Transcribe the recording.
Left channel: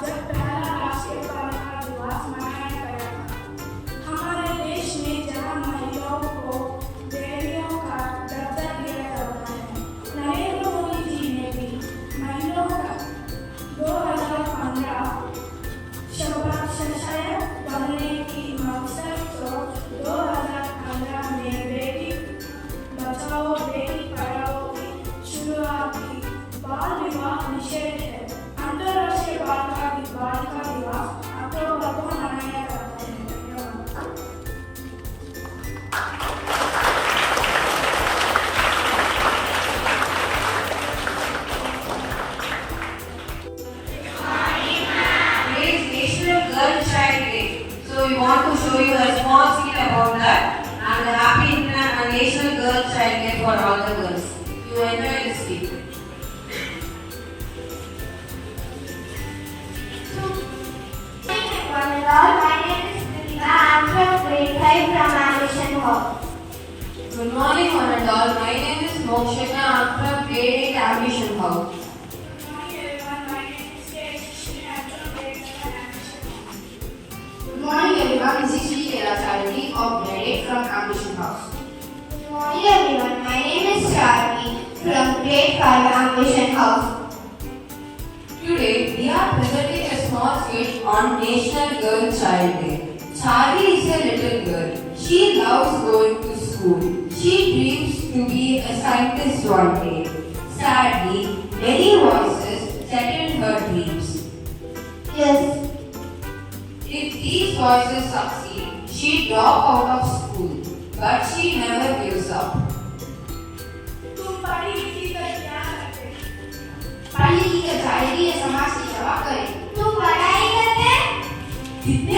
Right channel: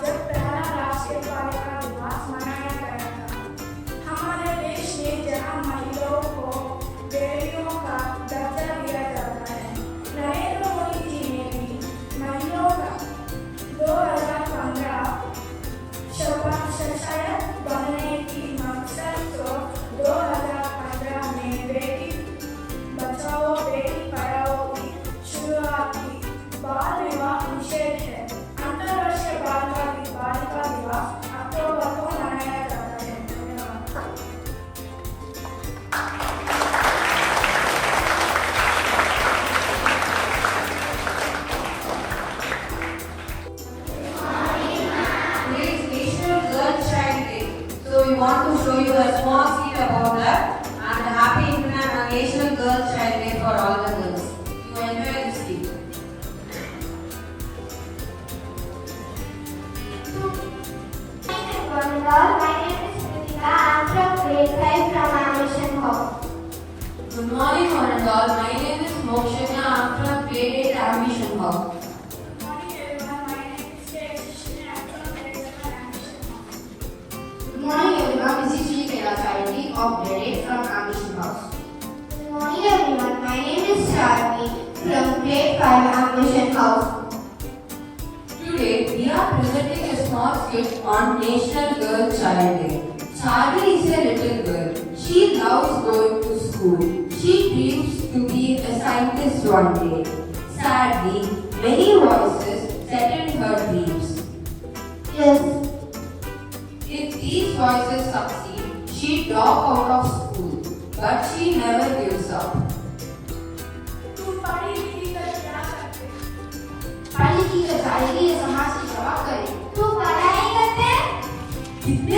जब पहला राष्ट्रीय बालिका दिवस मनाया गया था। हमारे देश में जहाँ महिलाओं को बेटियों का दर्जा दिया जाता है, नरेंद्र मोदी जी ने भी महिलाओं का 2015 सशक्त बनने की मकसद को 2015 में बेटी बचाओ बेटी पढ़ाओ की शुरुआत की। बाल विवाह निषेध है। अंतर्राष्ट्रीय बालिका दिवस अक्टूबर को मनाया जाता है। धन्यवाद। We want to show you a small skit about that and a happy National Girl Child Day for all the girls. You enjoy this skit. My name is Birla. I am from grade 5 from Ambition Hall. Good morning, one and all. My name is Shloka. I am from grade 8 Ambition Hall. Good morning everyone. My name is skit. I am from grade 11 Ambition Hall. Good morning, everyone. This is Shloka of grade 8 from Ambition House. Good morning everyone. My name is Charlie from grade 5 Ambition House. Today, we are presenting a small skit on National Girl Child Day. Charlie is a little girl. She loves going to school. She dreams to be a scientist one day. Sadly, many voices threaten her dreams. Yes. If these voices succeed, she drops out of school. But she never gives up. तुम पढ़ी लिखी कर क्या करते? पढ़ी लिखी कर जाएगी, ये समाज की सेवा करे। तू पढ़ाई करते? कितने